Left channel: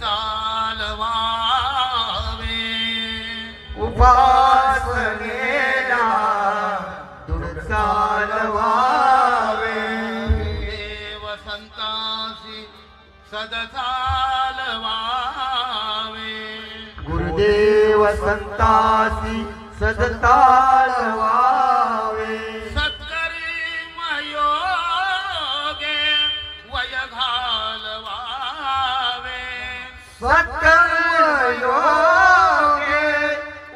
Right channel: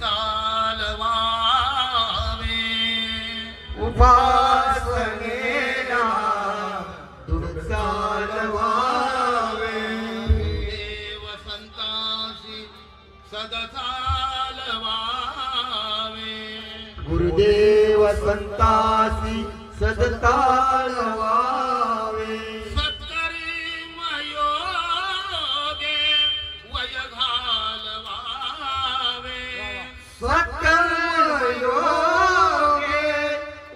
चालवावे उपासनेला दूर चालवावे देव संतांसी सद चालवावे गुरुदेव संतासी सद चालवावे सत्करी मयोगे वय घालवावे सत्कर्म योगे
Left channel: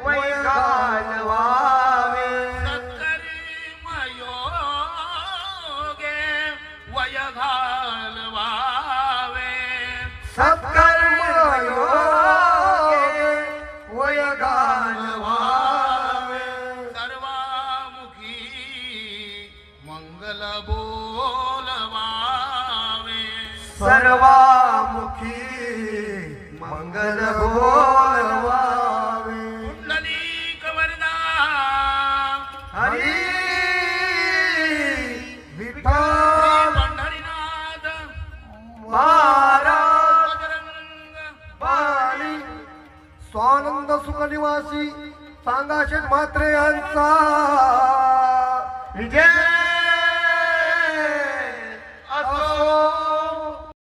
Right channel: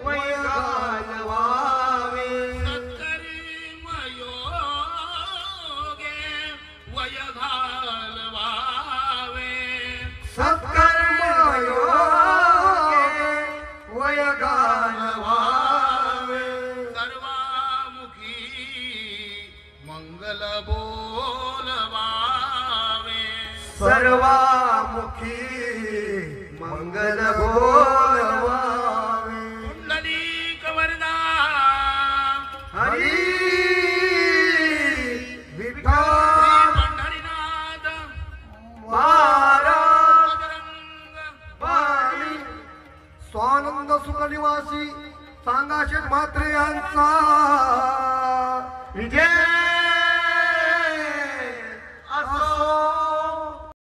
वय घालवावे सत्करी मयोगे वय घालवावे सत्कर्म योगे वय घालवावे सर्वामुखी मंगल बोलवावे सर्वामुखी मंगल बोलवावे पुंडलिक वरदा हरी विठ्ठल पंढरीनाथ महाराज बजरंग बाली स्वानंद सुखनिवासी सांगाशेठ म्हात्रे यांचा विजय